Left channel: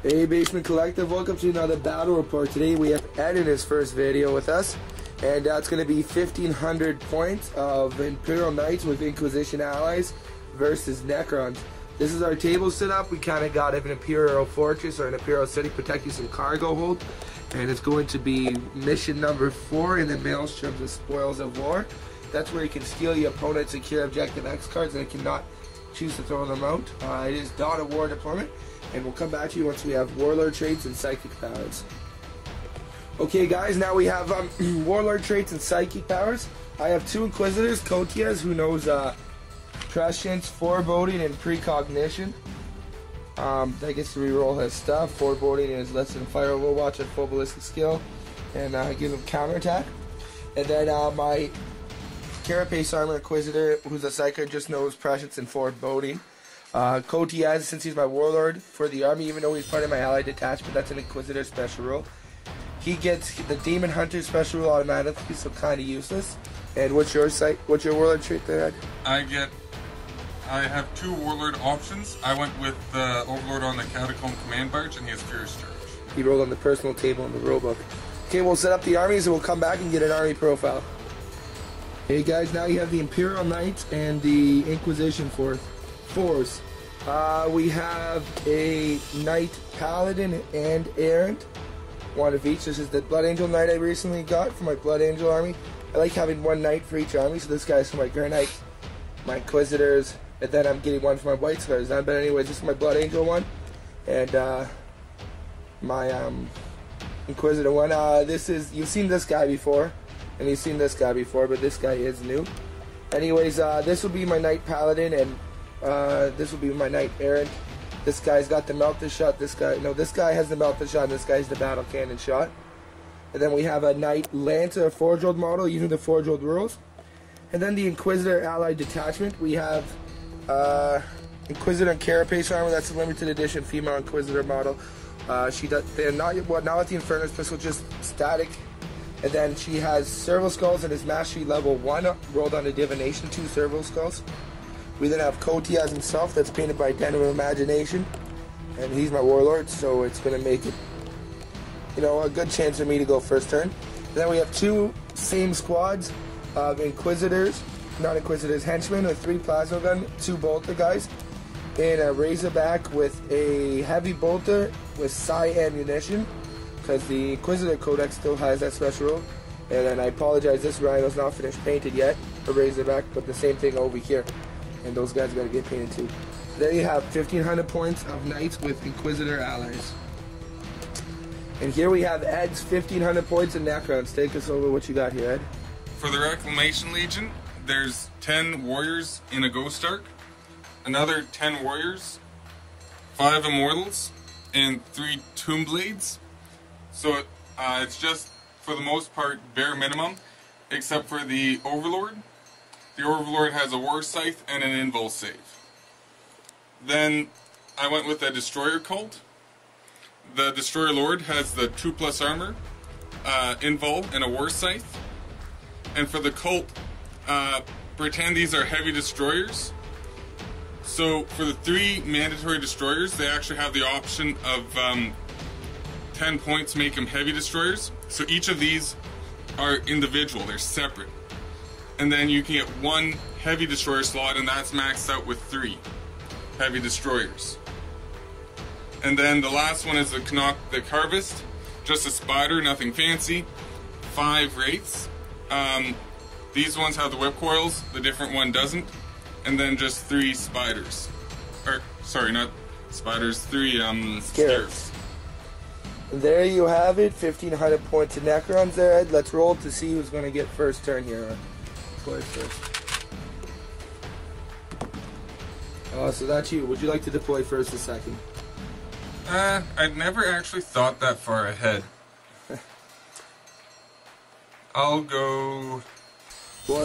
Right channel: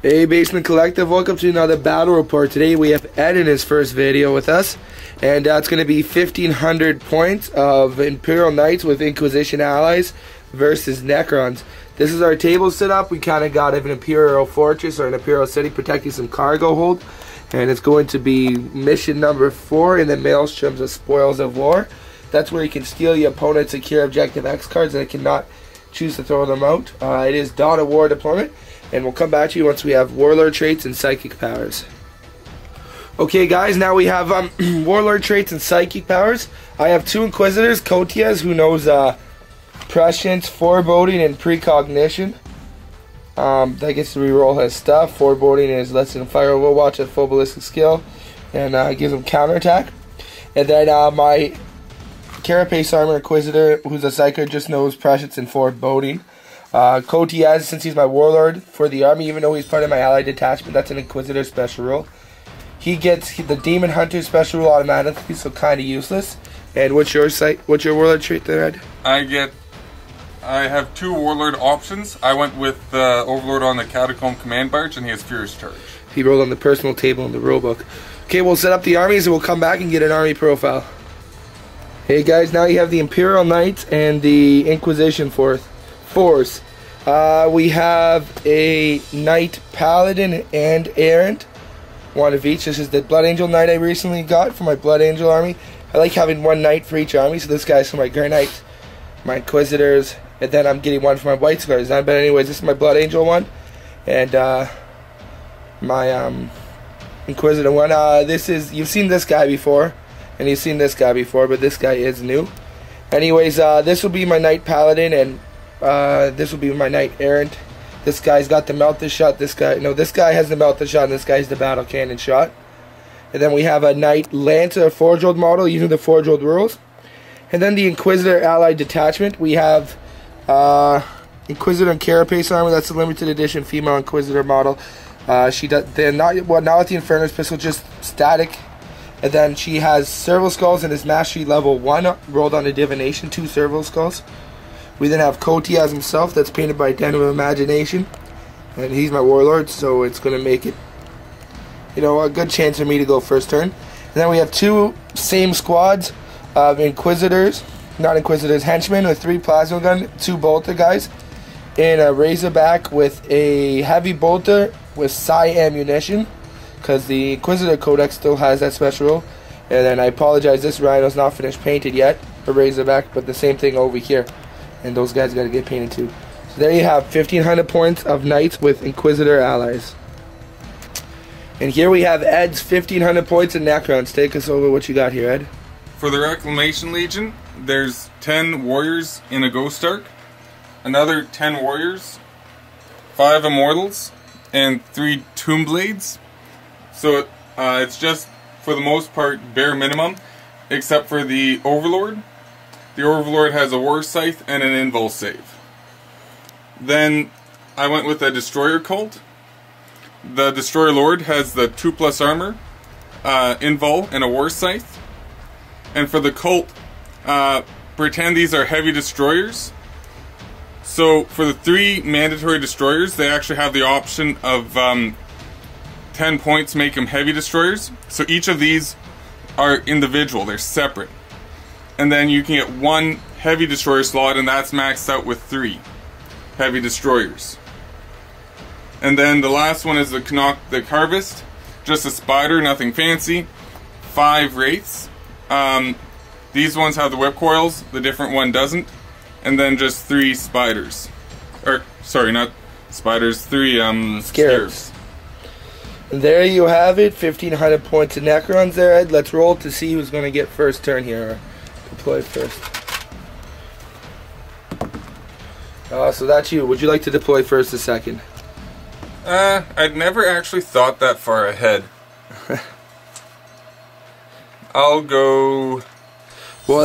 Hey Basement Collective, welcome to another battle report. Today we have Ed in his first video with us, and it's going to be 1,500 points of Imperial Knights with Inquisition allies versus Necrons. This is our table setup. We kind of got an Imperial Fortress or an Imperial City protecting some cargo hold, and it's going to be mission number 4 in the Maelstroms of Spoils of War. That's where you can steal your opponent's secure objective X cards and it cannot choose to throw them out. It is Dawn of War deployment, and we'll come back to you once we have Warlord traits and Psychic powers. Okay guys, now we have Warlord traits and Psychic powers. I have 2 Inquisitors, Kotias, who knows Prescience, Foreboding, and Precognition. That gets to reroll his stuff. Foreboding is less than fire overwatch at full ballistic skill, and gives him counterattack. And then my Carapace Armor Inquisitor, who's a Psyker, just knows Prescience and Foreboding. Kotias, since he's my Warlord for the army, even though he's part of my allied detachment, that's an Inquisitor special rule. He gets the Demon Hunter special rule automatically, so kind of useless. And what's your Warlord trait there, Ed? I have 2 Warlord options. I went with Overlord on the Catacomb Command Barge, and he has Furious Charge. He rolled on the personal table in the rulebook. Okay, we'll set up the armies and we'll come back and get an army profile. Hey guys, now you have the Imperial Knights and the Inquisition force. We have a Knight Paladin and Errant, one of each. This is the Blood Angel Knight I recently got for my Blood Angel army. I like having 1 Knight for each army, so this guy's for my Grey Knights, my Inquisitors, and then I'm getting 1 for my White Scars. But anyways, this is my Blood Angel one, and my Inquisitor one. You've seen this guy before, and you've seen this guy before, but this guy is new. Anyways, this will be my Knight Paladin, and this will be my Knight Errant. This guy's got the Melted Shot. This guy has the Melted Shot, and this guy's the Battle Cannon Shot. And then we have a Knight Lancer Forge World model using the Forge World rules. And then the Inquisitor Allied Detachment. We have Inquisitor and Carapace Armor. That's a limited edition female Inquisitor model. They're not with the Inferno's pistol, just static. And then she has Serval Skulls and is Mastery level 1 rolled on a Divination, 2 Serval Skulls. We then have Kotias himself, that's painted by Den of Imagination. And he's my Warlord, so it's going to make it, a good chance for me to go first turn. And then we have 2 same squads of Henchmen with 3 Plasma Gun, 2 Bolter guys, and a Razorback with a Heavy Bolter with Psi Ammunition, because the Inquisitor Codex still has that special rule. And then I apologize, this Rhino's not finished painted yet, the Razorback, but the same thing over here. And those guys got to get painted too. So there you have 1,500 points of Knights with Inquisitor allies. And here we have Ed's 1,500 points of Necrons. Take us over what you got here, Ed. For the Reclamation Legion, there's 10 Warriors in a Ghost Ark, another 10 Warriors, 5 Immortals, and 3 Tomb Blades. So it's just, for the most part, bare minimum, except for the Overlord. The Overlord has a War Scythe and an Invul save. Then I went with a Destroyer Cult. The Destroyer Lord has the 2+ armor, Invul, and a War Scythe. And for the Cult, pretend these are heavy destroyers. So for the 3 mandatory destroyers, they actually have the option of 10 points make them heavy destroyers. So each of these are individual, they're separate. And then you can get 1 heavy destroyer slot, and that's maxed out with 3 heavy destroyers. And then the last one is the Harvest, just a spider, nothing fancy. 5 Wraiths. These ones have the whip coils, the different one doesn't. And then just 3 spiders. Or, sorry, not spiders, 3 Scarabs. And there you have it, 1,500 points of Necrons there, Ed. Let's roll to see who's going to get first turn here. Deploy first. So that's you. Would you like to deploy first or second? I'd never actually thought that far ahead. I'll go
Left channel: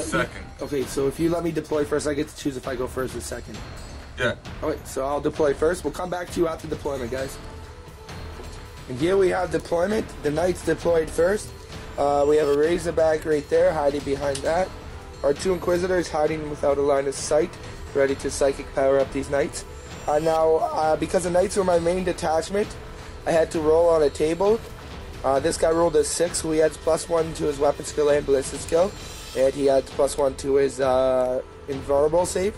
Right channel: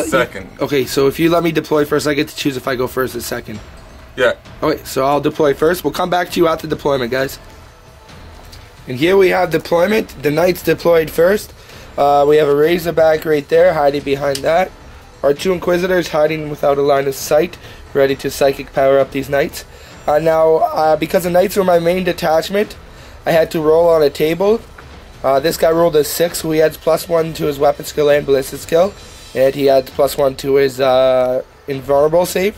second. Okay, so if you let me deploy first, I get to choose if I go first or second. Yeah. Okay, so I'll deploy first. We'll come back to you after deployment, guys. And here we have deployment. The Knights deployed first. We have a Razorback right there, hiding behind that. Our 2 Inquisitors hiding without a line of sight, ready to Psychic power up these Knights. Now, because the Knights were my main detachment, I had to roll on a table. This guy rolled a 6, so he adds +1 to his weapon skill and ballistic skill, and he adds +1 to his invulnerable save.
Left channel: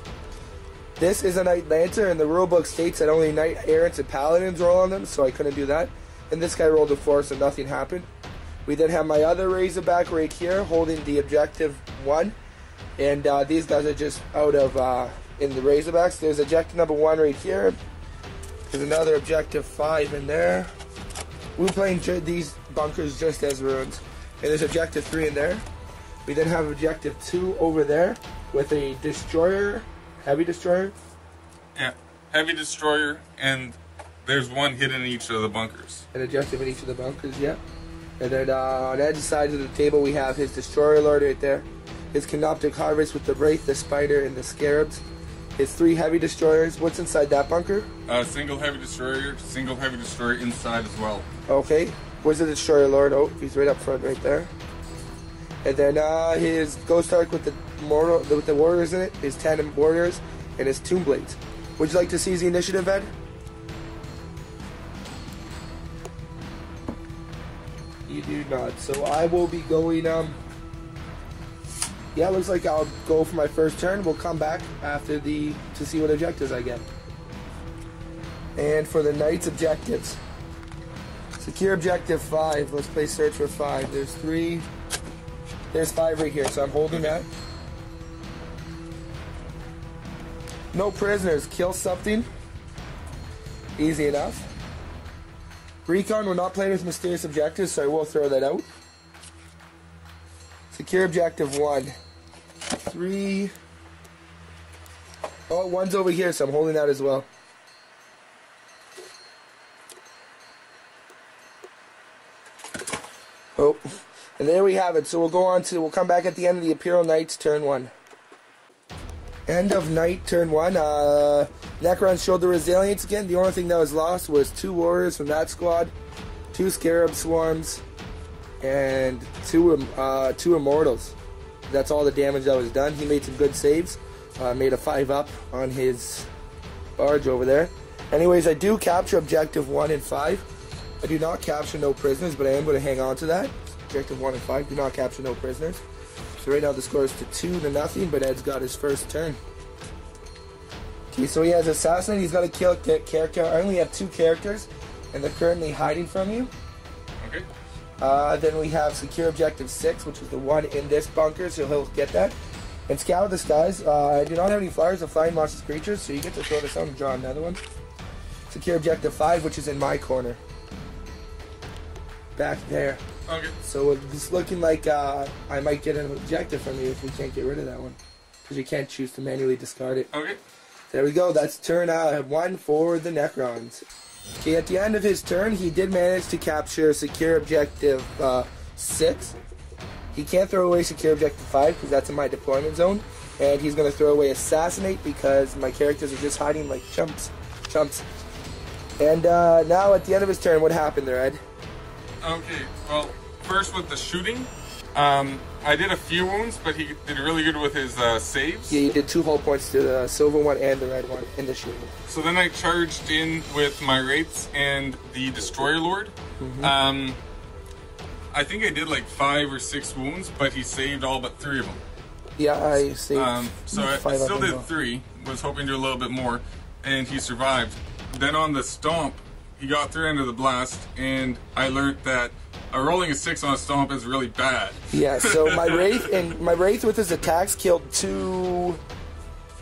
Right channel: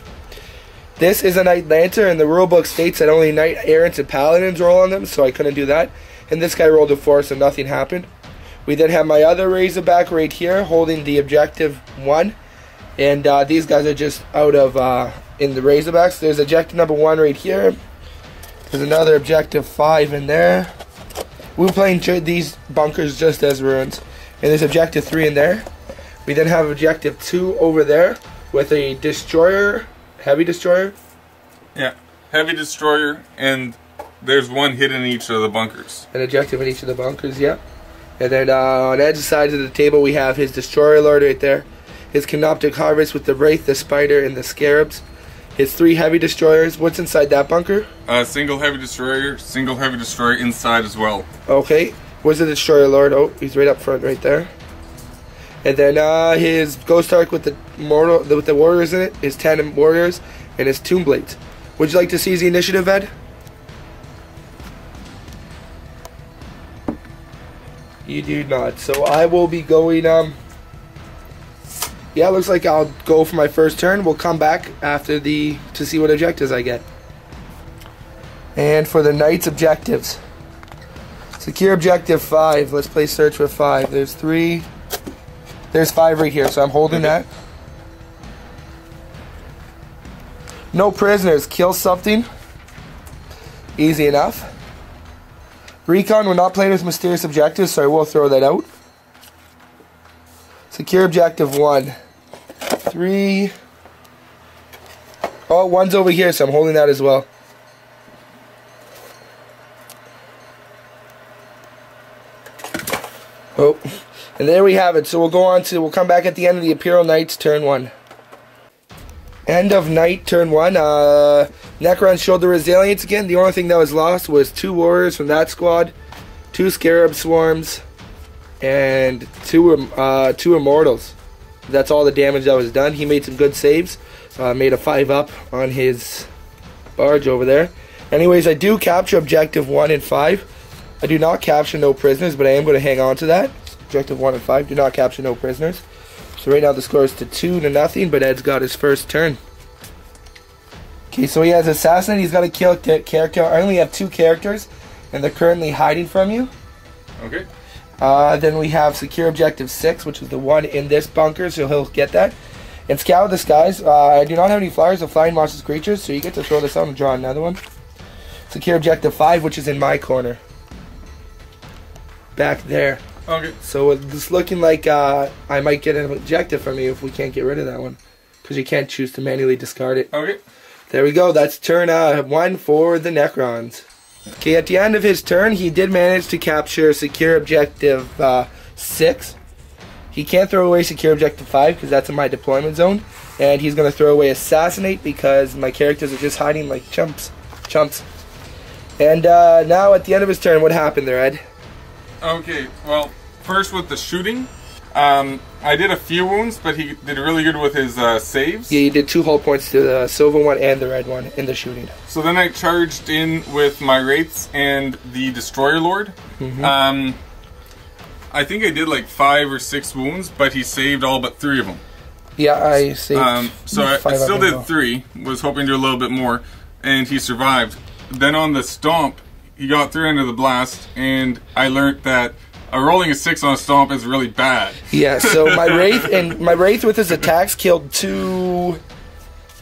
This is a Knight Lancer, and the rulebook states that only Knight Errants and Paladins roll on them, so I couldn't do that. And this guy rolled a 4, so nothing happened. We then have my other Razorback right here, holding the objective 1, and these guys are just out of in the Razorbacks. There's objective number 1 right here. There's another objective 5 in there. We're playing these bunkers just as ruins. And there's objective 3 in there. We then have objective 2 over there with a destroyer, heavy destroyer. Yeah, heavy destroyer, and there's one hidden in each of the bunkers. An objective in each of the bunkers, yeah. And then on the edge sides of the table we have his destroyer lord right there. His canoptic harvest with the wraith, the spider, and the scarabs. His 3 heavy destroyers. What's inside that bunker? Single heavy destroyer inside as well. Okay. Where's the destroyer lord? Oh, he's right up front right there. And then his Ghost Ark with the warriors in it, his 10 warriors, and his Tomb Blades. Would you like to see the initiative, Ed? You do not. So I will be going, yeah, looks like I'll go for my first turn. We'll come back after to see what objectives I get. And for the Knights objectives. Secure objective 5. Let's play search for 5. There's 3. There's 5 right here, so I'm holding that. No prisoners. Kill something. Easy enough. Recon, we're not playing with mysterious objectives, so I will throw that out. Secure objective 1. 3. Oh, 1's over here, so I'm holding that as well. Oh, and there we have it. So we'll come back at the end of the Imperial Knights turn 1. End of night turn 1. Necron showed the resilience again. The only thing that was lost was 2 warriors from that squad, 2 scarab swarms, and 2 immortals. That's all the damage that was done. He made some good saves. Made a 5-up on his barge over there. Anyways, I do capture objective 1 and 5. I do not capture no prisoners, but I am going to hang on to that. Objective 1 and 5 do not capture no prisoners. So right now the score is to 2-0, but Ed's got his first turn. Okay, so he has Assassinate. He's got to kill a character. I only have 2 characters, and they're currently hiding from you. Okay. Then we have Secure Objective 6, which is the one in this bunker, so he'll get that. And Scout Disguise. I do not have any flyers of flying monsters creatures, so you get to throw this out and draw another one. Secure Objective 5, which is in my corner. Back there. Okay. So it's looking like I might get an objective from you if we can't get rid of that one. Because you can't choose to manually discard it. Okay. There we go. That's turn 1 for the Necrons. Okay, at the end of his turn, he did manage to capture Secure Objective 6. He can't throw away Secure Objective 5 because that's in my deployment zone. And he's going to throw away Assassinate because my characters are just hiding like chumps. And now at the end of his turn, what happened there, Ed? Okay, well, first with the shooting, I did a few wounds, but he did really good with his saves. Yeah, you did 2 hull points to the silver one and the red one in the shooting. So then I charged in with my Wraiths and the Destroyer Lord. Mm-hmm. I think I did like 5 or 6 wounds, but he saved all but 3 of them. Yeah, I saved so I still did 3, was hoping to do a little bit more, and he survived. Then on the Stomp, he got through into the blast, and I learned that rolling a 6 on a Stomp is really bad. Yeah, so my Wraith with his attacks killed 2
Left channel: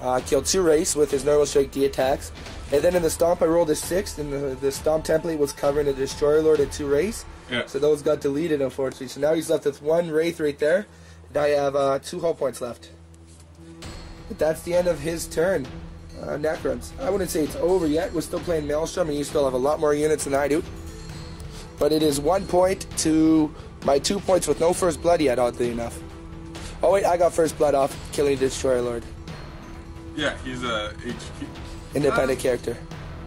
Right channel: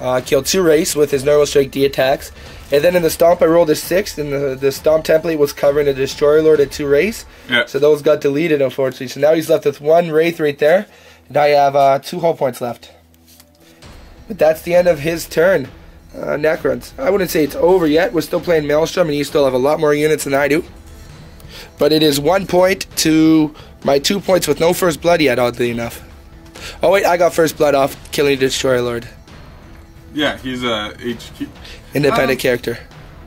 Wraiths with his normal strike D attacks. And then in the Stomp I rolled a 6, and the Stomp template was covering a Destroyer Lord at 2 Wraiths. Yeah. So those got deleted, unfortunately. So now he's left with 1 Wraith right there, and I have 2 hull points left. But that's the end of his turn. Necrons. I wouldn't say it's over yet. We're still playing Maelstrom, and you still have a lot more units than I do. But it is 1 point to my 2 points with no first blood yet, oddly enough. Oh wait, I got first blood off killing the Destroyer Lord. Yeah, he's a HQ. Independent character.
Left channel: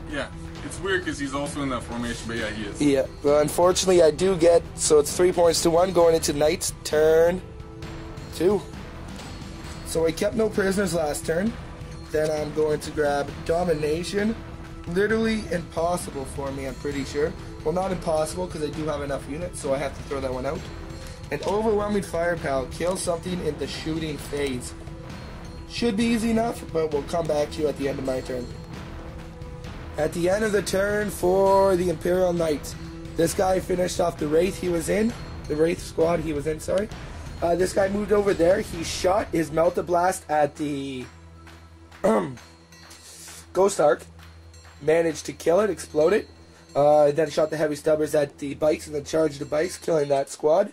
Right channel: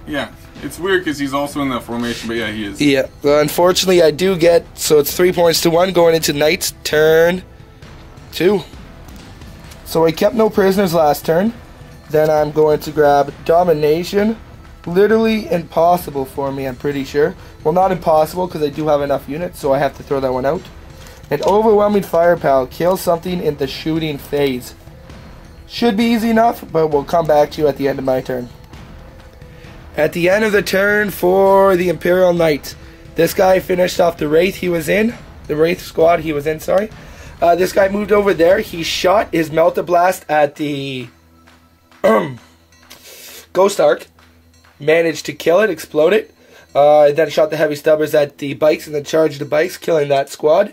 Yeah, it's weird because he's also in that formation, but yeah, he is. Yeah, well, unfortunately I do get, so it's 3 points to 1 going into Knight's turn 2. So I kept no prisoners last turn. Then I'm going to grab Domination. Literally impossible for me, I'm pretty sure. Well, not impossible, because I do have enough units, so I have to throw that one out. An overwhelming firepower kills something in the shooting phase. Should be easy enough, but we'll come back to you at the end of my turn. At the end of the turn for the Imperial Knights, this guy finished off the Wraith he was in. The Wraith squad he was in, sorry. This guy moved over there. He shot his Melta Blast at the Ghost Ark. Managed to kill it, explode it. Then shot the Heavy Stubbers at the bikes and then charged the bikes, killing that squad.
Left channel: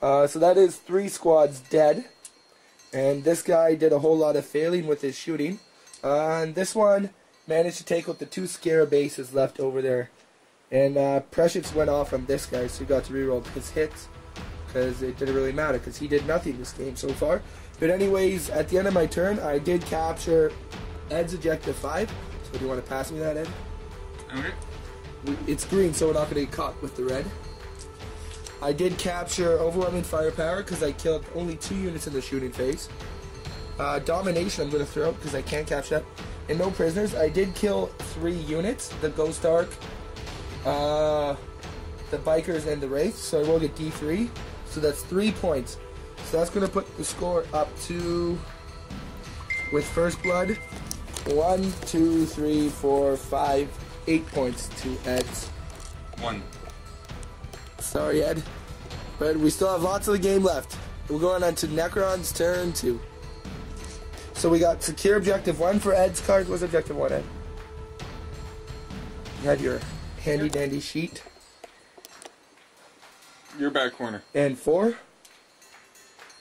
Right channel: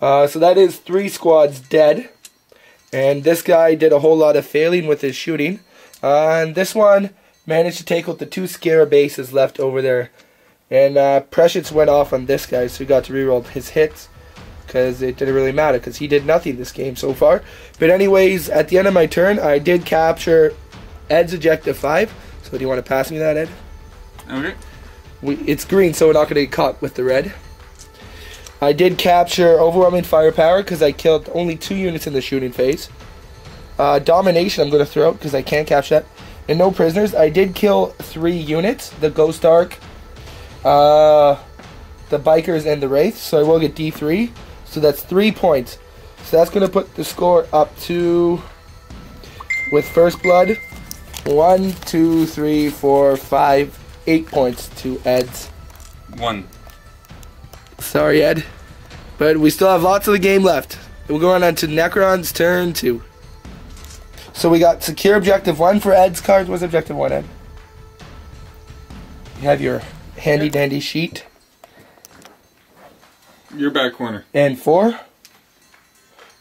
So that is 3 squads dead. And this guy did a whole lot of failing with his shooting. And this one managed to take out the 2 Scarab bases left over there. And Precious went off on this guy, so he got to reroll his hits. Because it didn't really matter, because he did nothing this game so far. But anyways, at the end of my turn, I did capture Ed's Objective 5. So do you want to pass me that, Ed? Okay. It's green, so we're not going to get caught with the red. I did capture Overwhelming Firepower because I killed only 2 units in the shooting phase. Domination I'm going to throw out because I can't capture that. And no prisoners. I did kill 3 units. The Ghost Ark, the Bikers, and the Wraith. So I will get D3. So that's 3 points. So that's going to put the score up to, with First Blood, 1, 2, 3, 4, 5, 8 points to Ed's. 1. Sorry, Ed. But we still have lots of the game left. We're going on to Necron's turn 2. So we got Secure Objective 1 for Ed's cards. What's Objective 1, Ed? You have your handy dandy sheet. Your back corner. And 4.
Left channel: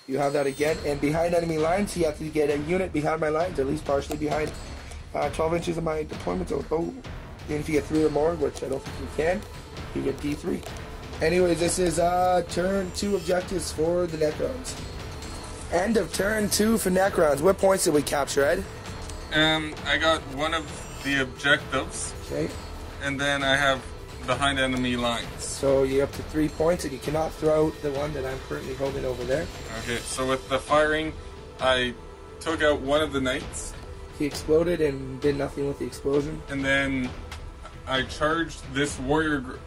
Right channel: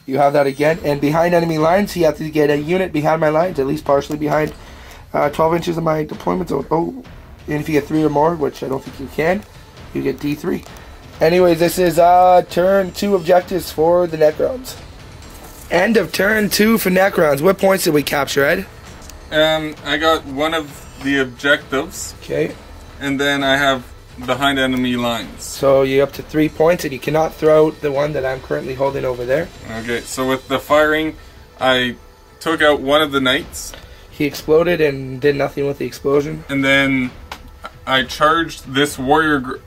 You have that again. And behind enemy lines, you have to get a unit behind my lines, at least partially behind 12 inches of my deployment zone. Oh, and if you get 3 or more, which I don't think you can, you get D3. Anyways, this is turn 2 objectives for the Necrons. End of turn 2 for Necrons. What points did we capture, Ed? I got one of the objectives. Okay. And then I have behind enemy lines. So you're up to 3 points, and you cannot throw out the one that I'm currently holding over there. Okay, so with the firing, I took out one of the knights. He exploded and did nothing with the explosion. And then I charged this warrior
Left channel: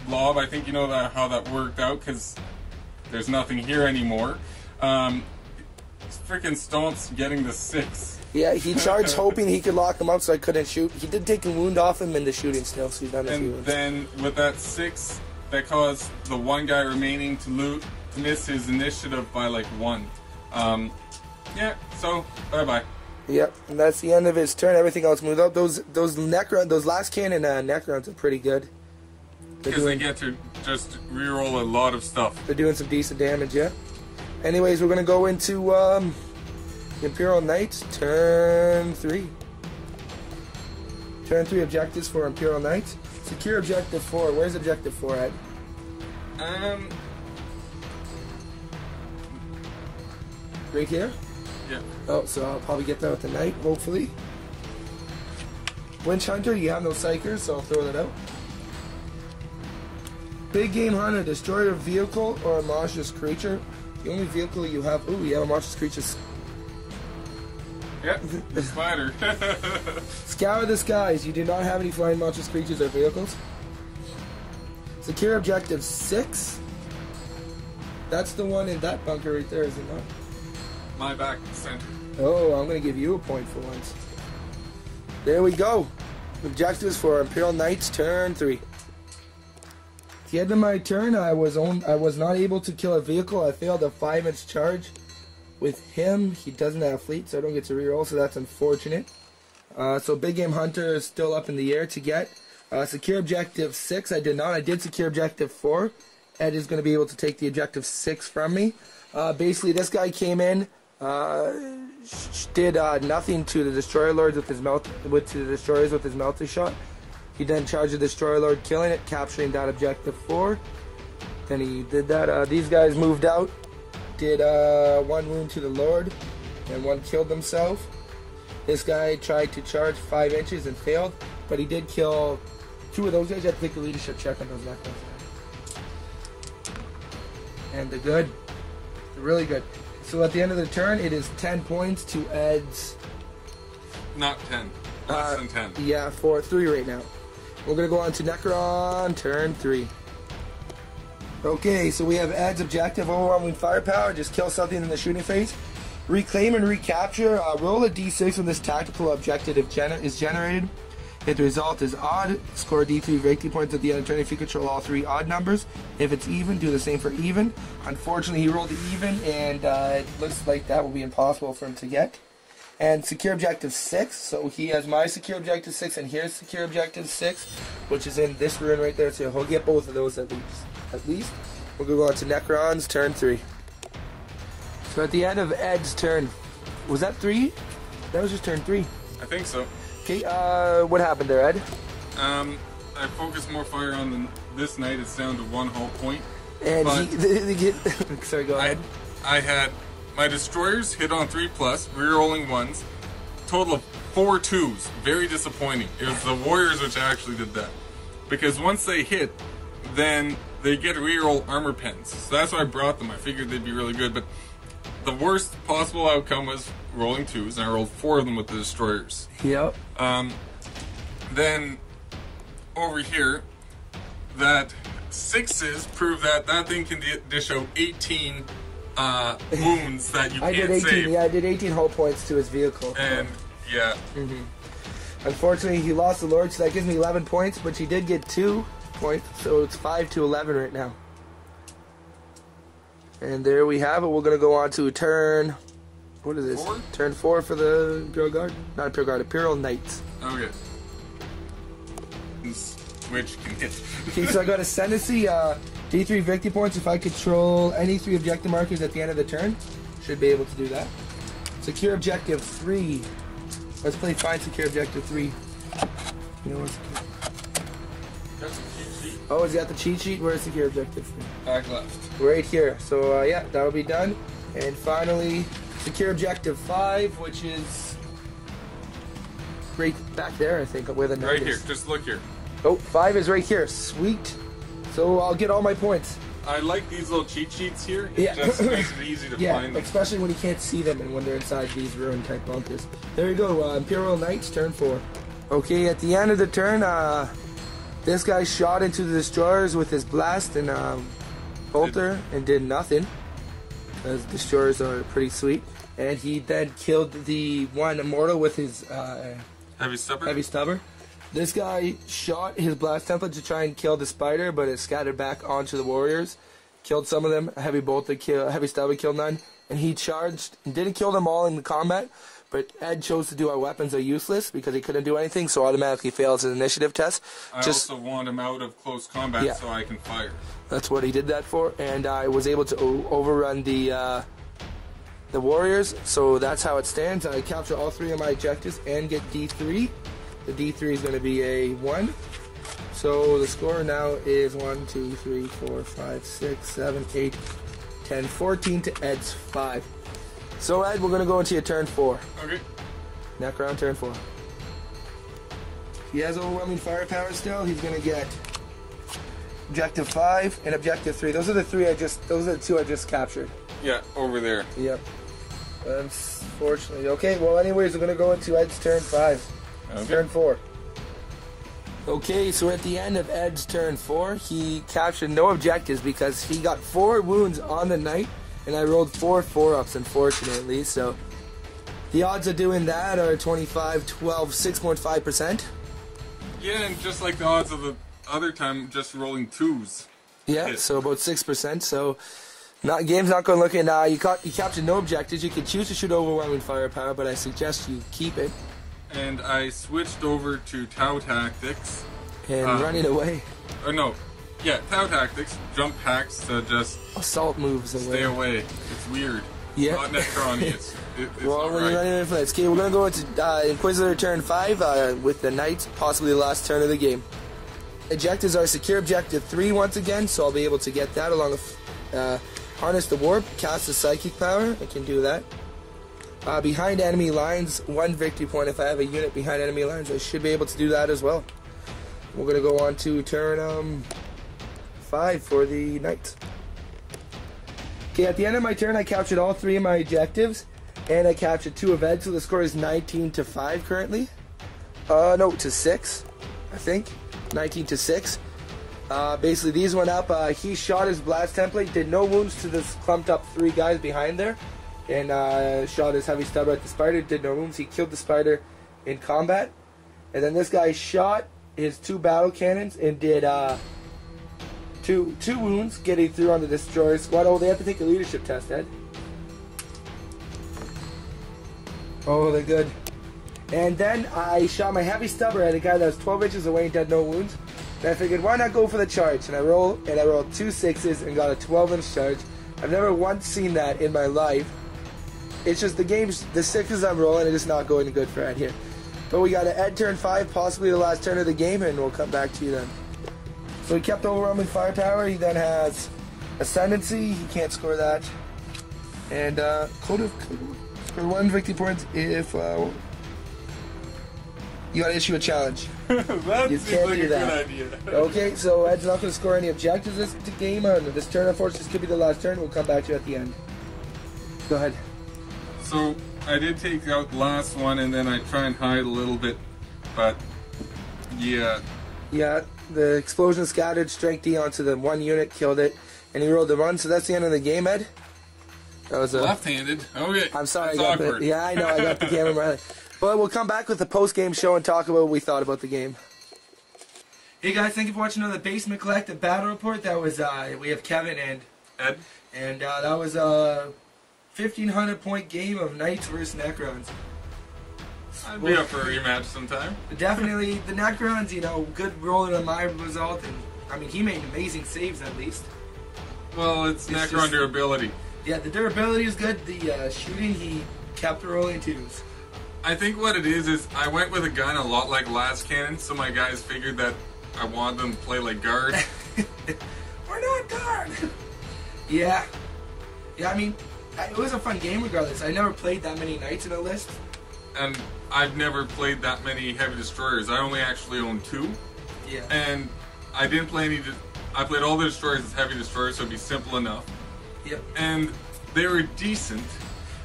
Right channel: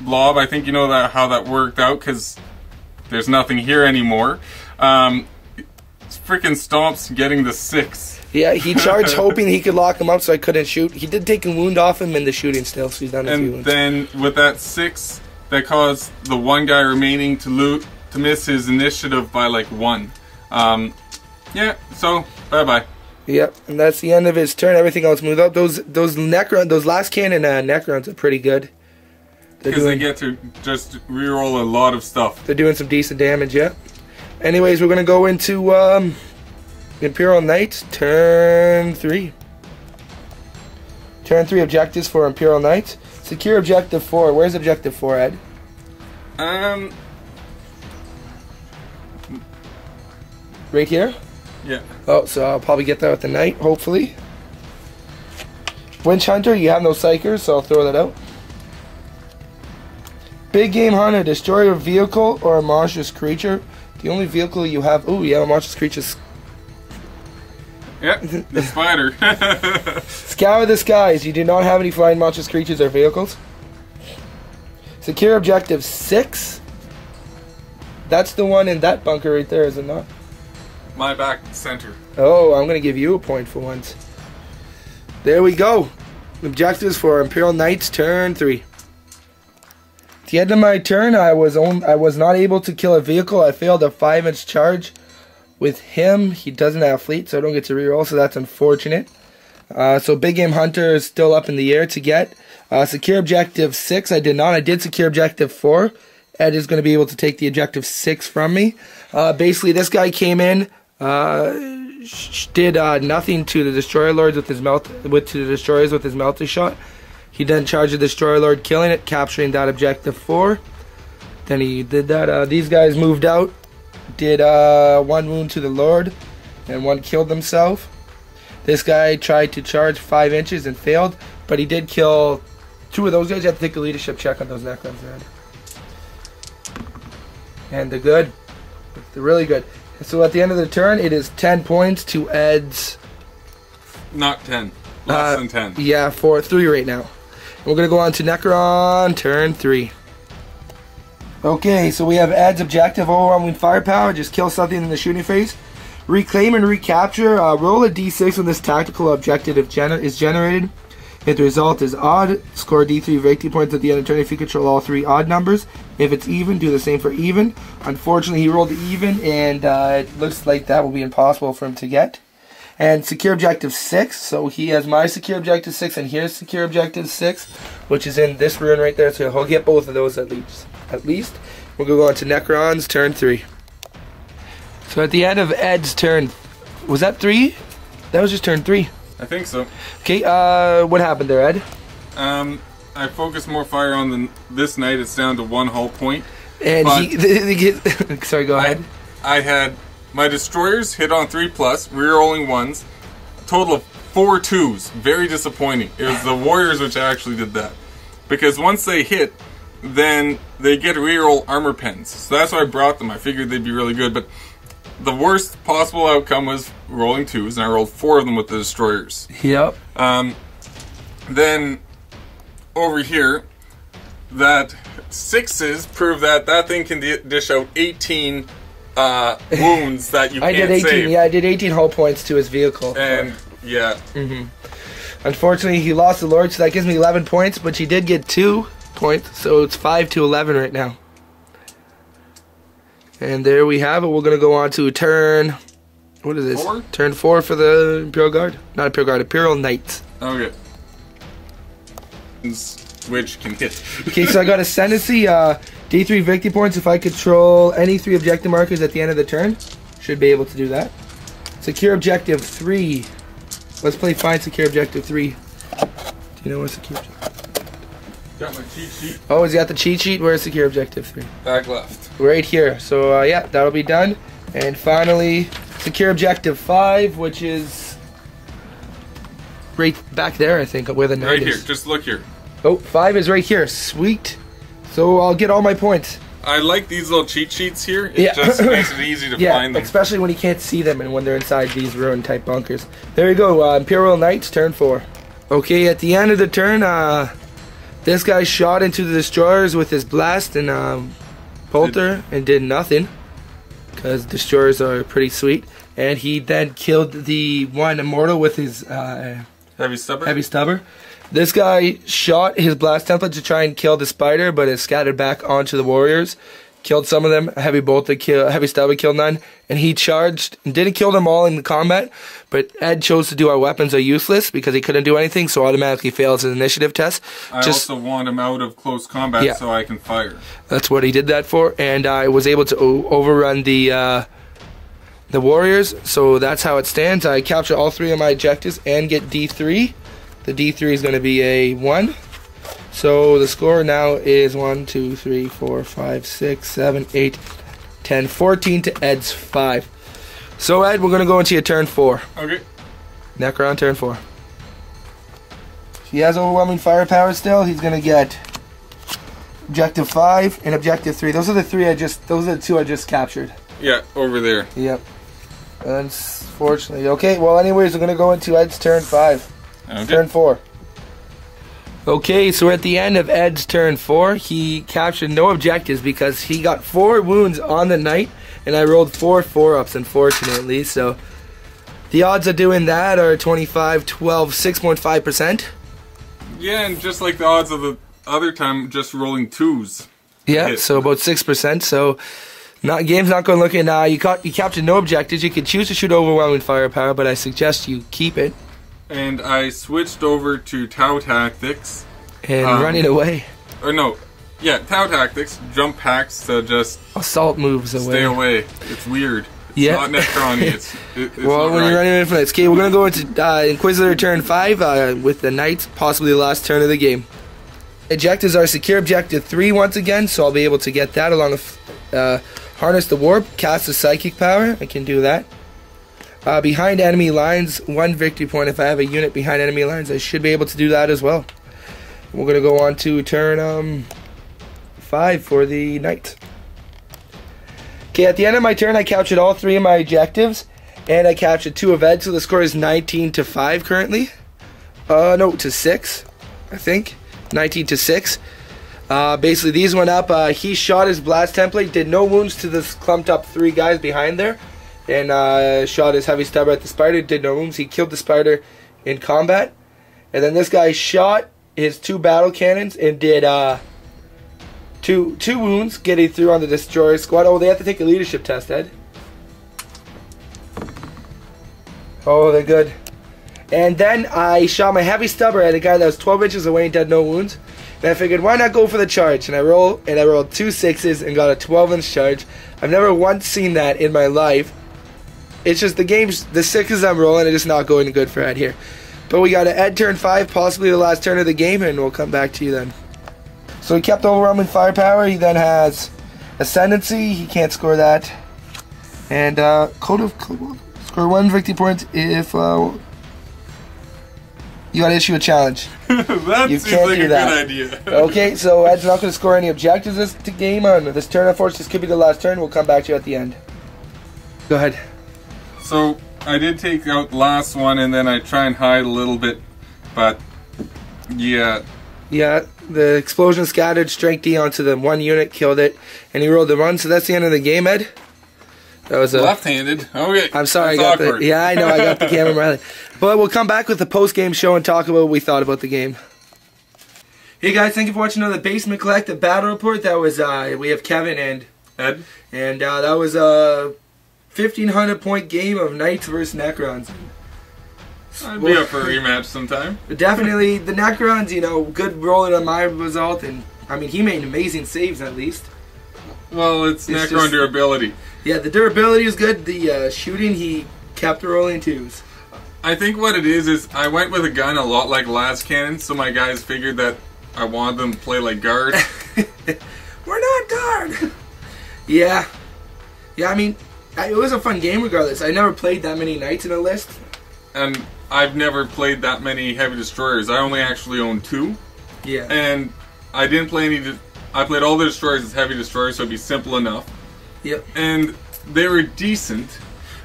blob. I think you know that how that worked out because there's nothing here anymore. Freaking stomps getting the 6. Yeah, he charged hoping he could lock him up so I couldn't shoot. He did take a wound off him in the shooting still, so he's done a few wounds. And then with that 6, that caused the one guy remaining to miss his initiative by like 1. Yeah, so bye-bye. Yep, and that's the end of his turn. Everything else moved up. Those last cannon Necrons are pretty good. Because they get to just reroll a lot of stuff. They're doing some decent damage, yeah. Anyways, we're gonna go into Imperial Knights, turn 3. Turn 3 objectives for Imperial Knights. Secure Objective 4. Where's Objective 4, Ed? Right here? Yeah. Oh, so I'll probably get that with the Knight, hopefully. Winch Hunter, you have no Psychers, so I'll throw that out. Big Game Hunter, destroy a vehicle or a monstrous creature. The only vehicle you have... Ooh, yeah, a monstrous creature. Yep, the spider. Scour the skies. You do not have any flying monstrous creatures or vehicles. Secure Objective 6. That's the one in that bunker right there, is it not? My back center. Oh, I'm going to give you a point for once. There we go. Objectives for Imperial Knights, turn 3. At the end of my turn, I was not able to kill a vehicle. I failed a 5-inch charge. With him, he doesn't have fleet, so I don't get to reroll, so that's unfortunate. So Big Game Hunter is still up in the air to get. Secure Objective 6, I did not. I did secure Objective 4. Ed is going to be able to take the Objective 6 from me. Basically, this guy came in, did nothing to the Destroyer Lords with his to the destroyers with his Melter Shot. He then charged the Destroyer Lord, killing it, capturing that Objective 4. Then he did that. These guys moved out. Did 1 wound to the Lord, and 1 killed himself. This guy tried to charge 5 inches and failed, but he did kill 2 of those guys. You have to take a leadership check on those Necrons. And they're good. They're really good. So at the end of the turn, it is 10 points to Ed's. Not 10. Less than 10. Yeah, 3 right now. We're going to go on to Necron, turn 3. Okay, so we have Ed's objective, overwhelming firepower, just kill something in the shooting phase. Reclaim and recapture, roll a d6 when this tactical objective is generated. If the result is odd, score d3 victory points at the end of the turn if you control all 3 odd numbers. If it's even, do the same for even. Unfortunately, he rolled even, and it looks like that will be impossible for him to get. And secure objective 6, so he has my secure objective 6 and here's secure objective 6, which is in this ruin right there, so he'll get both of those at least. We'll go on to Necron's turn 3. So at the end of Ed's turn, was that 3? That was just turn 3. I think so. Okay, what happened there, Ed? I focused more fire on this knight. It's down to 1 hull point. And sorry, go ahead. I had my destroyers hit on 3+, rerolling 1s, total of 4 2s. Very disappointing. It was the warriors which actually did that. Because once they hit, then they get reroll armor pens. So that's why I brought them. I figured they'd be really good, but the worst possible outcome was rolling 2s, and I rolled 4 of them with the destroyers. Yep. Then over here, that 6s prove that that thing can dish out 18 wounds that you can't save. Yeah, I did 18 hull points to his vehicle. And yeah. Unfortunately, he lost the Lord, so that gives me 11 points, but he did get 2 points, so it's 5 to 11 right now. And there we have it. We're going to go on to turn... What is this? 4? Turn 4 for the Imperial Guard? Not Imperial Guard, Imperial Knights. Okay. Which can hit. Okay, so I got Ascendancy, D3 victory points if I control any 3 objective markers at the end of the turn. Should be able to do that. Secure Objective 3. Let's play Find Secure Objective 3. Do you know what's secure? Got my cheat sheet. Oh, he's got the cheat sheet. Where's Secure Objective 3? Back left. Right here. So, yeah, that'll be done. And finally, Secure Objective 5, which is right back there, I think, where the knight Right is. here. Just look here. Oh, 5 is right here. Sweet. So I'll get all my points. I like these little cheat sheets here. It just makes it easy to find them. Especially when you can't see them and when they're inside these ruin type bunkers. There you go, Imperial Knights, turn 4. Okay, at the end of the turn, this guy shot into the destroyers with his blast and bolter and did nothing. Because destroyers are pretty sweet. And he then killed the one immortal with his Heavy stubber. This guy shot his blast template to try and kill the spider, but it scattered back onto the warriors. Killed some of them. Heavy stubber killed none. And he charged and didn't kill them all in the combat. But Ed chose to do our weapons are useless because he couldn't do anything, so automatically fails his initiative test. I also want him out of close combat so I can fire. That's what he did that for, and I was able to overrun the warriors. So that's how it stands. I capture all 3 of my objectives and get D3. The D3 is going to be a 1. So the score now is 1, 2, 3, 4, 5, 6, 7, 8, 10, 14 to Ed's 5. So Ed, we're going to go into your turn 4. Okay. Necron, turn 4. He has overwhelming firepower still. He's going to get Objective 5 and Objective 3. Those are the 2 I just captured. Yeah, over there. Yep. Unfortunately. Okay, well anyways, we're going to go into Ed's turn 5. Okay. Turn 4. Okay, so we're at the end of Ed's turn 4. He captured no objectives because he got 4 wounds on the knight, and I rolled 4 4-ups, unfortunately. So the odds of doing that are 25, 12, 6.5%. Yeah, and just like the odds of the other time, just rolling 2s. Yeah, so about 6%. So game's not going to look in. You captured no objectives. You could choose to shoot overwhelming firepower, but I suggest you keep it. And I switched over to Tau Tactics. And running away. Or no. Yeah, Tau Tactics. Jump packs to just... assault moves away. Stay away. It's weird. It's not Necron-y. It's well, not when right. you're running away from that. Okay, we're going to go into Inquisitor turn 5 with the Knights, possibly the last turn of the game. Objectives are secure Objective 3 once again, so I'll be able to get that along with harness the warp, cast the psychic power. I can do that. Behind enemy lines, 1 victory point. If I have a unit behind enemy lines, I should be able to do that as well. We're going to go on to turn 5 for the Knights. Okay, at the end of my turn, I captured all 3 of my objectives, and I captured 2 of Ed, so the score is 19 to 5 currently. No, to 6, I think. 19 to 6. Basically, these went up. He shot his blast template, did no wounds to this clumped up 3 guys behind there, and shot his heavy stubber at the spider, did no wounds. He killed the spider in combat. And then this guy shot his 2 battle cannons and did two wounds, getting through on the destroyer squad. Oh, they have to take a leadership test, Ed. Oh, they're good. And then I shot my heavy stubber at a guy that was 12 inches away and did no wounds. And I figured, why not go for the charge? And I rolled 2 6s and got a 12-inch charge. I've never once seen that in my life. It's just the 6s I'm rolling are just not going good for Ed here. But we got an Ed turn 5, possibly the last turn of the game, and we'll come back to you then. So he kept overwhelming firepower. He then has Ascendancy. He can't score that. And score 1 victory point if you got to issue a challenge. That you seems can't like do a that. good idea. Okay, so Ed's not going to score any objectives this game on this turn. Unfortunately, this could be the last turn. We'll come back to you at the end. Go ahead. So I did take out the last one, and then I try and hide a little bit, but yeah. Yeah, the explosion scattered strength D onto the 1 unit, killed it, and he rolled the 1. So that's the end of the game, Ed. That was left-handed. Okay. I'm sorry, That's I got awkward. yeah, I know, I got the camera right. But we'll come back with the post-game show and talk about what we thought about the game. Hey guys, thank you for watching another Basement Collective Battle Report. That was we have Kevin and Ed. And that was a 1,500-point game of Knights versus Necrons. I'd be up for a rematch sometime. But definitely, the Necrons, you know, good rolling on my result, and I mean, he made amazing saves at least. Well, it's Necron just durability. Yeah, the durability is good. The shooting, he kept rolling 2s. I think what it is I went with a gun a lot like las cannon, so my guys figured that I wanted them to play like guard. We're not guard. Yeah. Yeah, I mean, it was a fun game regardless. I never played that many Knights in a list. And I've never played that many heavy destroyers. I only actually own 2. Yeah. And I didn't play any. I played all the destroyers as heavy destroyers, so it'd be simple enough. Yep. And they were decent.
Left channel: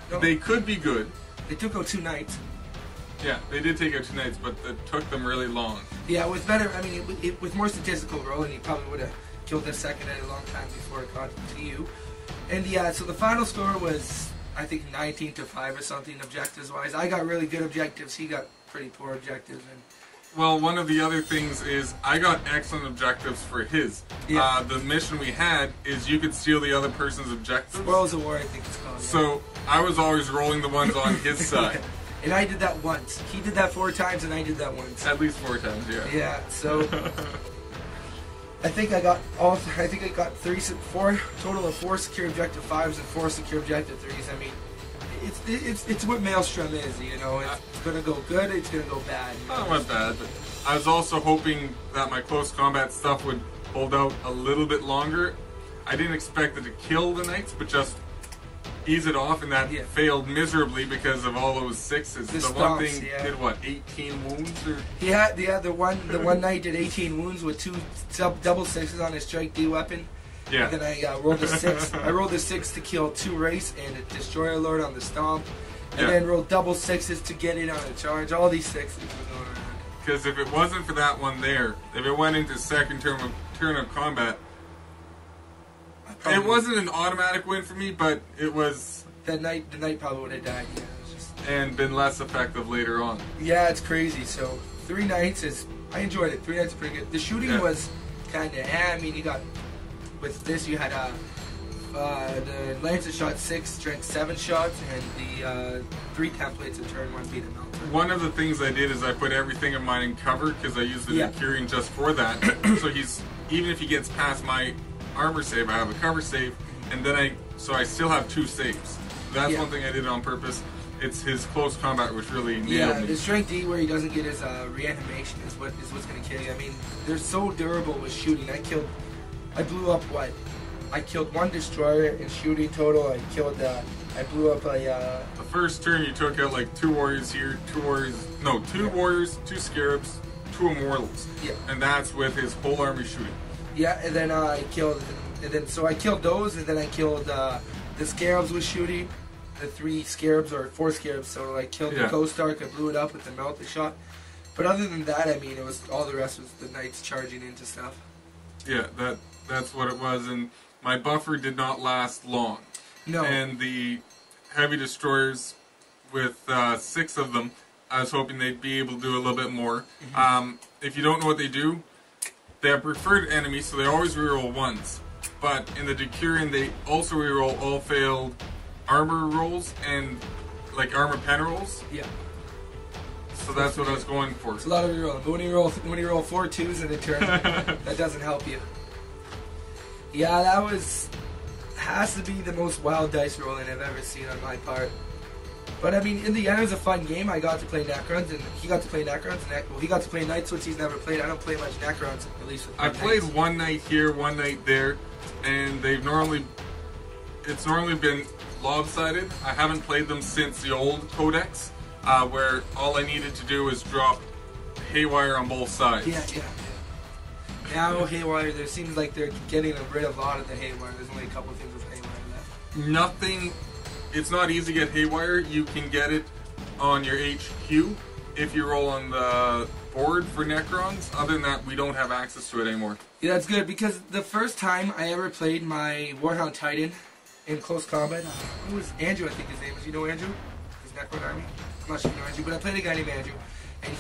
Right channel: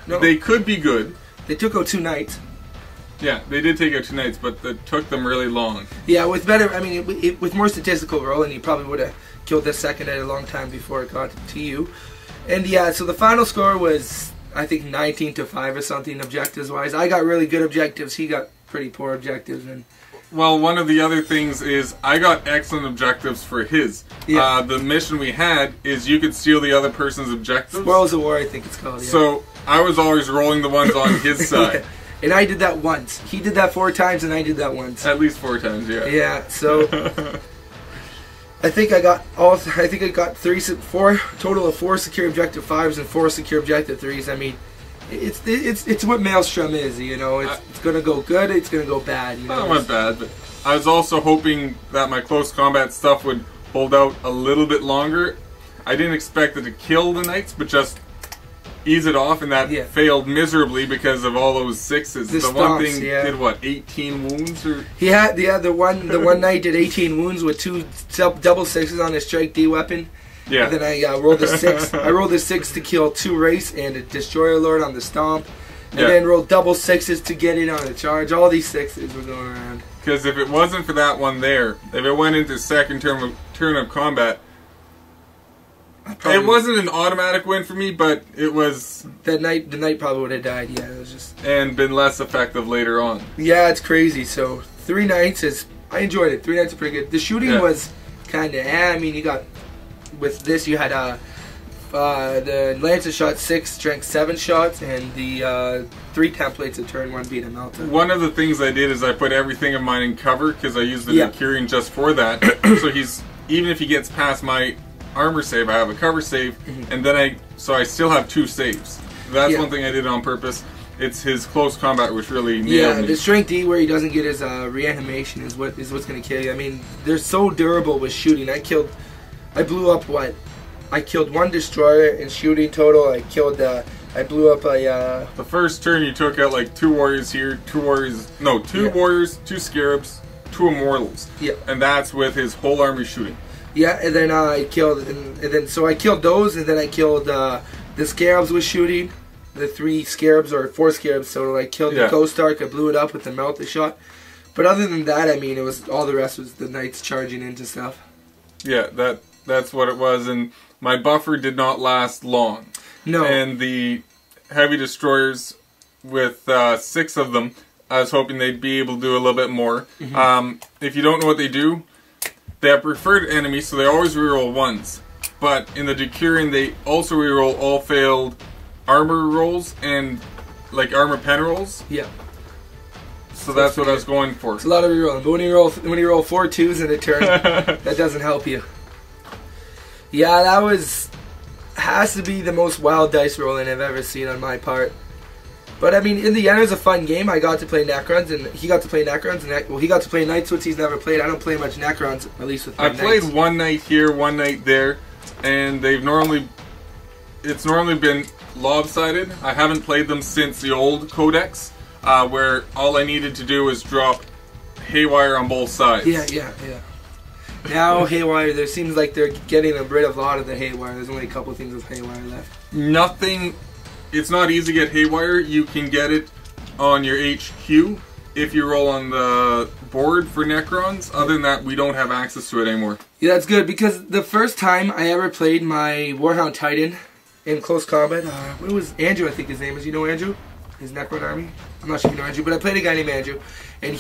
No. They could be good. They took out 2 Knights. Yeah, they did take out 2 Knights, but it took them really long. Yeah, with better, I mean, with more statistical rolling, you probably would have killed this second at a long time before it got to you. And yeah, so the final score was, I think, 19 to 5 or something, objectives-wise. I got really good objectives. He got pretty poor objectives. And well, one of the other things is I got excellent objectives for his. Yeah. The mission we had is you could steal the other person's objectives. Spoils of War, I think it's called. Yeah. So I was always rolling the ones on his side. Yeah. And I did that once. He did that 4 times, and I did that once. At least 4 times, yeah. Yeah. So I think I got four total of 4 secure objective 5s and 4 secure objective 3s. I mean, it's what Maelstrom is, you know. It's gonna go good, it's gonna go bad. You know? Not went bad, but I was also hoping that my close combat stuff would hold out a little bit longer. I didn't expect it to kill the Knights, but just ease it off, and that failed miserably because of all those 6s. The one thing did what, 18 wounds or? He had the one Knight did 18 wounds with 2 double 6s on his strike D weapon. Yeah. And then I rolled a 6. I rolled a 6 to kill 2 Wraiths and a Destroyer Lord on the stomp. And then rolled double 6s to get in on the charge. All these 6s were going around. Because if it wasn't for that one there, if it went into second turn of combat, it wasn't an automatic win for me, but it was. The Knight probably would have died. Yeah, it was just. And been less effective later on. Yeah, it's crazy. So 3 Knights I enjoyed it. 3 Knights are pretty good. The shooting was kind of. I mean, you got with this you had the Lancer shot 6, strength 7 shots, and the 3 templates at turn 1 beat a melter. One of the things I did is I put everything of mine in cover because I used the Necron just for that. So even if he gets past my armor save, I have a cover save, and then I still have 2 saves. That's one thing I did on purpose. It's his close combat which really nailed me. The strength D where he doesn't get his reanimation is what's going to kill you. I mean, they're so durable with shooting. I blew up what? I killed 1 destroyer in shooting total. I blew up a. The first turn you took out like 2 warriors here, 2 warriors. No, 2 warriors, 2 scarabs, 2 immortals. Yeah. And that's with his whole army shooting. Yeah, and then I killed, so I killed those, and then I killed the scarabs with shooting, the 3 scarabs or 4 scarabs. So I killed the Ghost Ark. I blew it up with the melted shot. But other than that, I mean, it was all the rest was the knights charging into stuff. Yeah, that's what it was, and my buffer did not last long. No. And the heavy destroyers, with 6 of them, I was hoping they'd be able to do a little bit more. If you don't know what they do, they have preferred enemies, so they always reroll 1s. But in the Decurion, they also reroll all failed armor rolls and like armor pen rolls. Yeah. So that's what I was going for. It's a lot of rerolling, but when you roll 4 2s in a turn, that doesn't help you. Yeah, that has to be the most wild dice rolling I've ever seen on my part. But I mean, in the end, it was a fun game. I got to play Necrons, and he got to play Necrons, and he got to play Knights, which he's never played. I don't play much Necrons, at least with my I played Knights. one night here, one night there, and it's normally been lopsided. I haven't played them since the old Codex, where all I needed to do was drop Haywire on both sides. Yeah. Now Haywire, there seems like they're getting rid of a lot of the Haywire. There's only a couple things with Haywire left. Nothing. It's not easy to get Haywire. You can get it on your HQ if you roll on the board for Necrons. Other than that, we don't have access to it anymore. Yeah, that's good, because the first time I ever played my Warhound Titan in close combat, it was Andrew, I think his name is. You know Andrew? His Necron army? I'm not sure if you know Andrew, but I played a guy named Andrew. And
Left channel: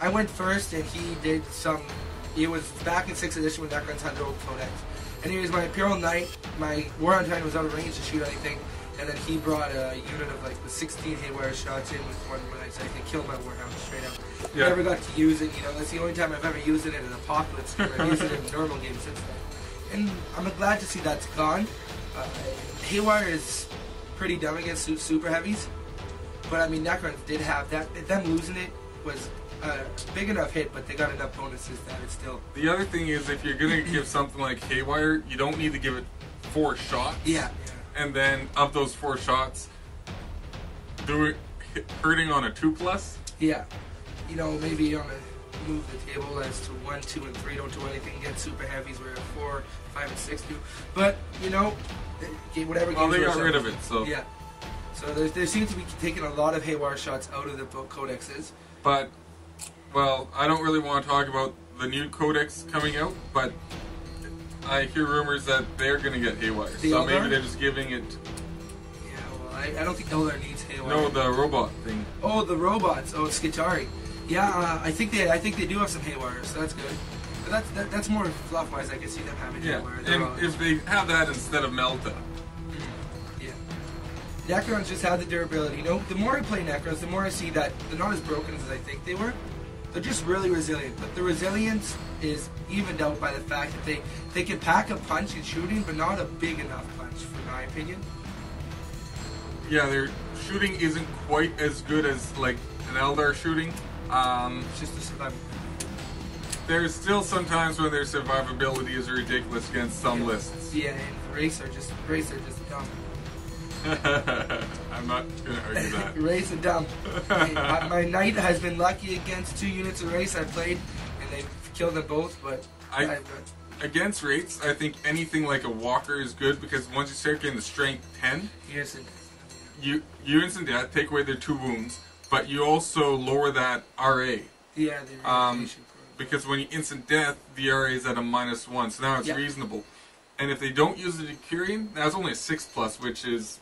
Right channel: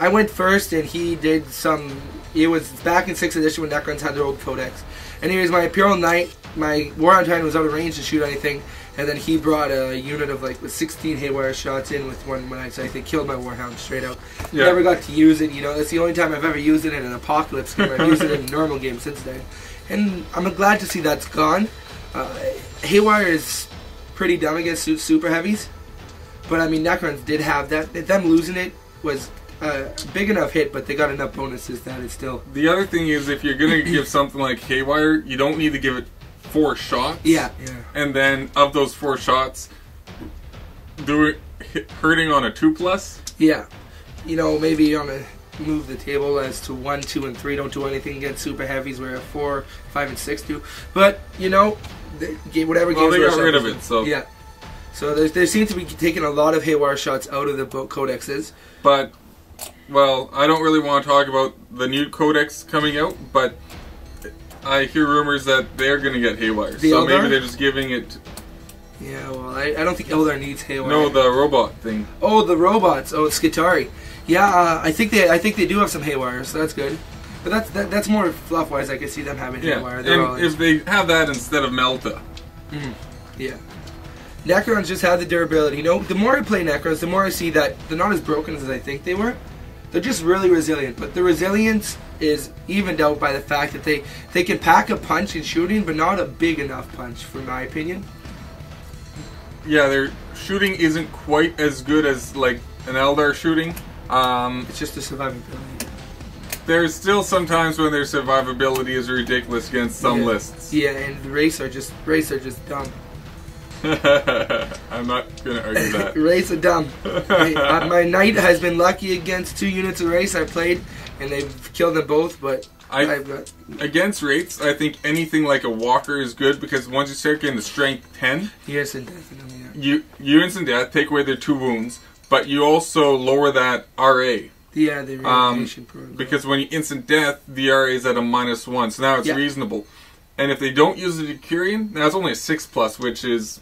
I went first, and he did some... It was back in 6th edition when Necrons had their old codex. Anyways, my Imperial Knight, my Warhound Titan was out of range to shoot anything, and then he brought a unit of with 16 Haywire shots in with one Knight, so they killed my Warhound straight out. Yeah. Never got to use it, that's the only time I've ever used it in an Apocalypse game. I've used it in a normal game since then. And I'm glad to see that's gone. Haywire is pretty dumb against super heavies, but I mean, Necrons did have that. Them losing it was big enough hit, but they got enough bonuses that it's still... The other thing is, if you're going to give something like Haywire, you don't need to give it 4 shots. Yeah. And then, of those 4 shots, do it hurting on a 2+. Yeah. Maybe on a... Move the table as to 1, 2, and 3 don't do anything against super heavies, where 4, 5, and 6 do. But, whatever... Well, they got rid of it, so... Yeah. So there seems to be taking a lot of Haywire shots out of the codexes. But... Well, I don't really want to talk about the new codex coming out, but I hear rumors that they're going to get Haywire. So maybe they're just giving it... Yeah, well, I don't think Eldar needs Haywire. No, the robot thing. Oh, the robots. Oh, it's Skitarii. Yeah, I think they do have some Haywire, so that's good. But that's more fluff-wise. I could see them having Haywire. And if they have that instead of Melta. Yeah. Necrons just have the durability. The more I play Necrons, the more I see that they're not as broken as I think they were. They're just really resilient, but the resilience is evened out by the fact that they can pack a punch in shooting, but not a big enough punch, for my opinion. Yeah, their shooting isn't quite as good as like an Eldar shooting. It's just the survivability. There's still some times when their survivability is ridiculous against some lists. Yeah, and the race are just dumb. I'm not going to argue that. Race are dumb. My Knight has been lucky against 2 units of race I played, and they've killed them both, but against rates, I think anything like a Walker is good, because once you start getting the strength 10, yes, and definitely, you instant death, take away their 2 wounds, but you also lower that RA. Yeah, the reanimation program. Because when you instant death, the RA is at a -1, so now it's reasonable. And if they don't use the Decurion, now it's only a 6+, which is...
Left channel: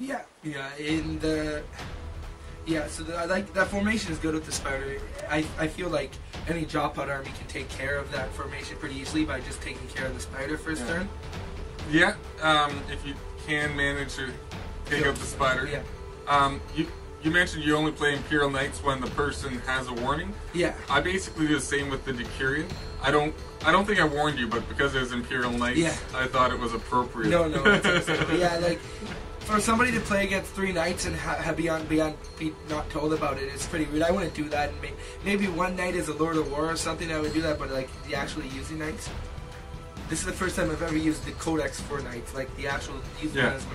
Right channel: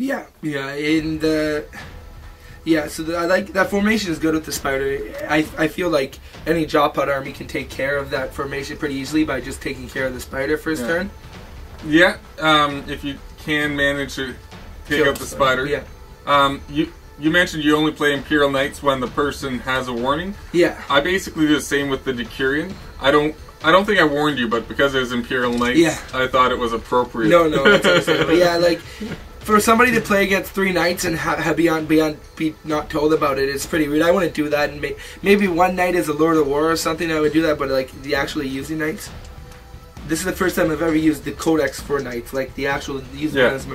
Yeah, and so I like that formation is good with the Spider. I feel like any Jaw Pod army can take care of that formation pretty easily by just taking care of the Spider first turn. Yeah, if you can manage to take out the Spider. Yeah. You mentioned you only play Imperial Knights when the person has a warning. Yeah. I basically do the same with the Decurion. I don't think I warned you, but because it was Imperial Knights, I thought it was appropriate. No, that's understandable. Yeah, like... For somebody to play against 3 Knights and be not told about it, it's pretty weird. I wouldn't do that. And maybe one Knight is a Lord of War or something, I would do that, but like the actually using Knights. This is the first time I've ever used the Codex for Knights, like the actual using Knights.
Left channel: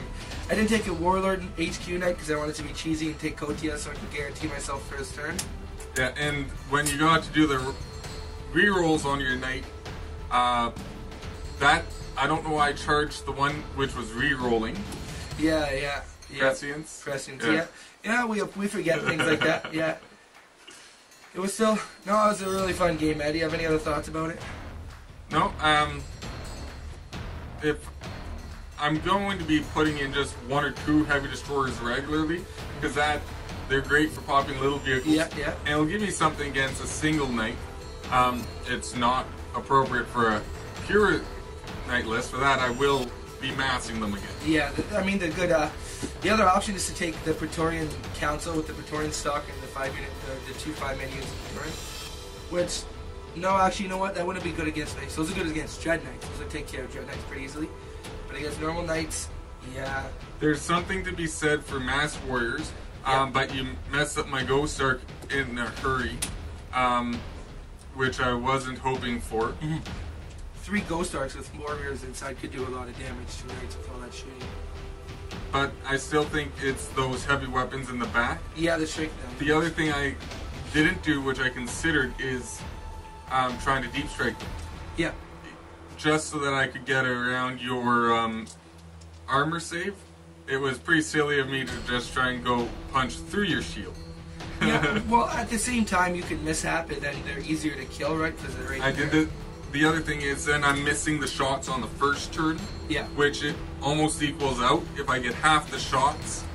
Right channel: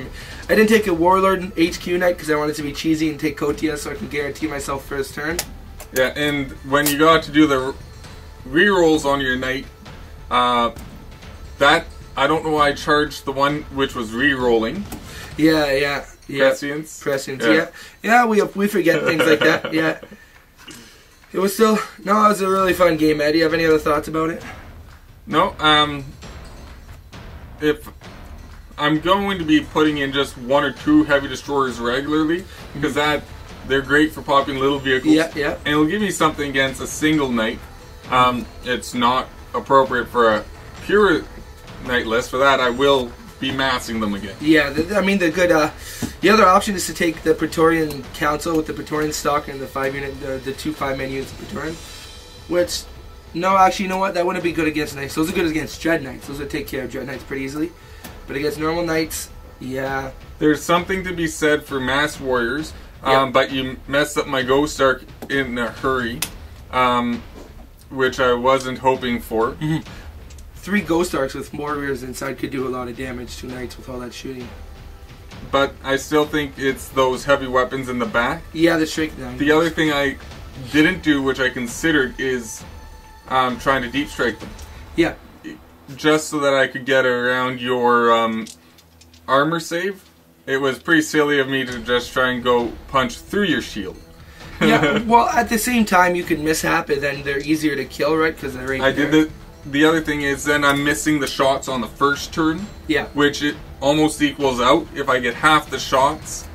I didn't take a Warlord HQ Knight because I wanted to be cheesy and take Kotia so I can guarantee myself first turn. Yeah, and when you got to do the rerolls on your Knight, that I don't know why I charged the one which was rerolling. Yeah. Prescience. Yeah, we forget things like that. It was still, no, it was a really fun game, Ed. Do you have any other thoughts about it? No, if I'm going to be putting in just 1 or 2 heavy destroyers regularly, because they're great for popping little vehicles. Yeah, yeah. And it'll give me something against a single knight. It's not appropriate for a pure knight list. For that, I will be massing them again. Yeah, I mean, the good, the other option is to take the Praetorian Council with the Praetorian stock and the 5-unit, the 2 5-man units of Praetorian, which, no, actually, you know what? That wouldn't be good against knights. Those are good against Dread Knights. Those would take care of Dread Knights pretty easily. But against normal knights, yeah. There's something to be said for mass warriors, Yep. but you messed up my Ghost Ark in a hurry, which I wasn't hoping for. 3 Ghost Arks with warriors inside could do a lot of damage to knights with all that shooting. But I still think it's those heavy weapons in the back. Yeah, the shrink down. The other thing I didn't do, which I considered, is trying to deep strike them. Yeah. Just so that I could get around your armor save. It was pretty silly of me to just try and go punch through your shield. Yeah, well, at the same time, you can mishap it, then they're easier to kill, right? Because they're right I there. did the other thing is then I'm missing the shots on the first turn. Yeah. Which it almost equals out if I get half the shots,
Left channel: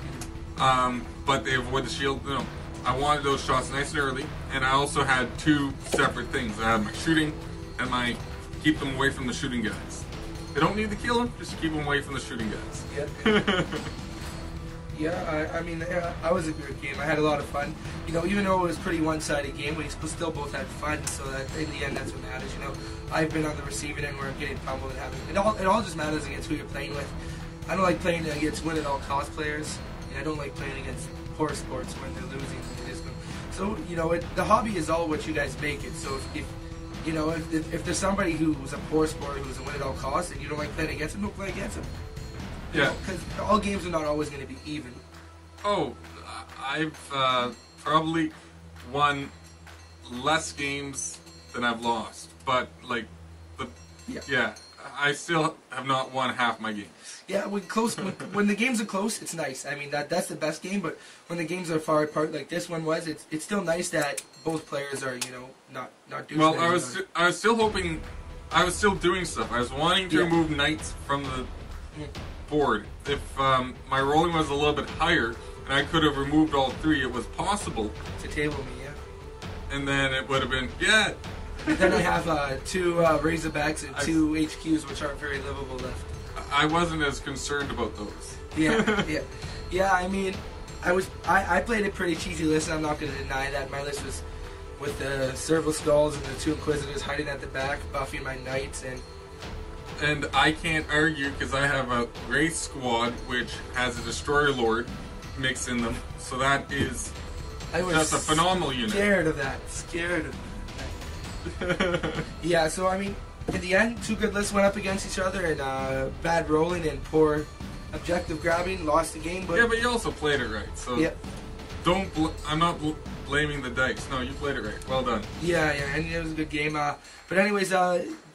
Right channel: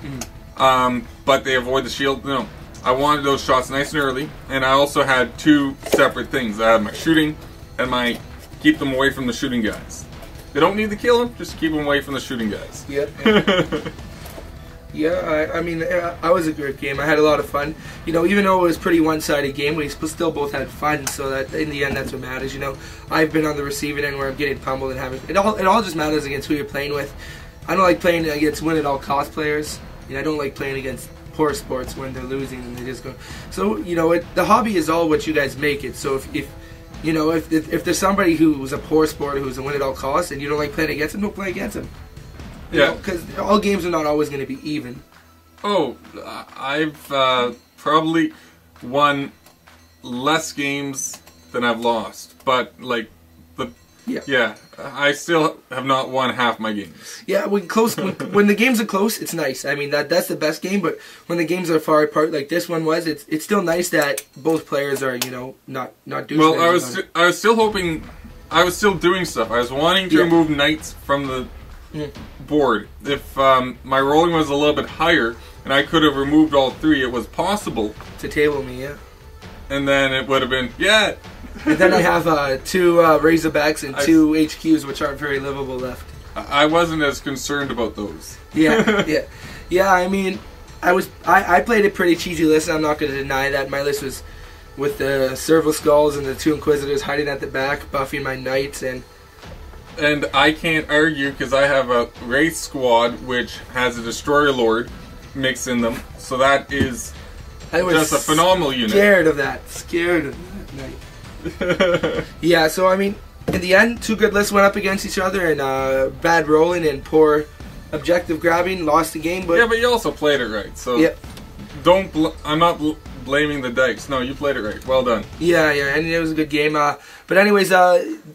but they avoid the shield. No, I wanted those shots nice and early, and I also had 2 separate things. I had my shooting and my keep them away from the shooting guys. They don't need to kill them, just keep them away from the shooting guys. Yeah. Yeah, I mean, I was a great game. I had a lot of fun. You know, even though it was a pretty one-sided game, we still both had fun. So that in the end, that's what matters. You know, I've been on the receiving end where I'm getting pummeled and having it all just matters against who you're playing with. I don't like playing against win-at-all-cost players. And I don't like playing against poor sports when they're losing and they just go. So you know, the hobby is all what you guys make it. So if you know, if there's somebody who was a poor sport who's a win-at-all-costs and you don't like playing against them, don't play against them. Yeah, because all games are not always going to be even. Oh, I've probably won less games than I've lost, but like yeah, I still have not won half my games. Yeah, when the games are close, it's nice. I mean that's the best game. But when the games are far apart, like this one was, it's still nice that both players are not douchebags. Well, I was still hoping, I was still doing stuff. I was wanting to remove knights from the board. If my rolling was a little bit higher and I could have removed all 3, it was possible to table me, yeah. And then it would have been And then I have 2 Razorbacks and 2 HQs, which aren't very livable left. I wasn't as concerned about those. Yeah. I mean, I played a pretty cheesy list. I'm not going to deny that. My list was with the Serval Skulls and the 2 Inquisitors hiding at the back, buffing my knights, and I can't argue because I have a Wraith Squad which has a Destroyer Lord mixed in them, so that is just a phenomenal unit. Scared of that knight. Yeah, so I mean, in the end, 2 good lists went up against each other, and bad rolling and poor objective grabbing lost the game. But yeah, but you also played it right, so I'm not blaming the dice. No, you played it right. Well done. Yeah, and it was a good game. But anyways,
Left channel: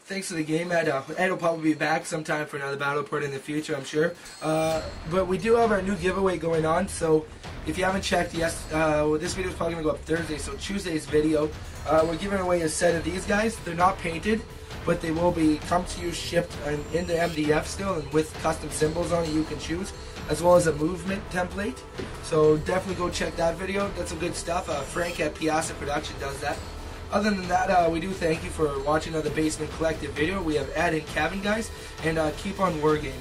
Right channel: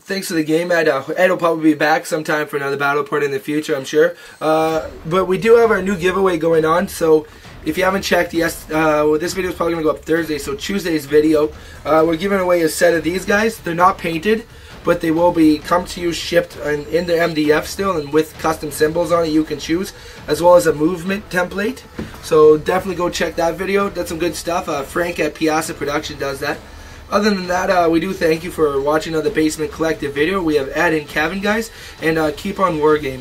thanks for the game, Ed. Ed will probably be back sometime for another battle report in the future, I'm sure. But we do have our new giveaway going on, so if you haven't checked, this video is probably going to go up Thursday, so Tuesday's video, we're giving away a set of these guys. They're not painted, but they will be come to you shipped in the MDF still, and with custom symbols on it you can choose, as well as a movement template. So definitely go check that video. That's some good stuff. Frank at Piazza Production does that. Other than that, we do thank you for watching the Basement Collective video. We have Ed and Kevin, guys, and keep on wargaming.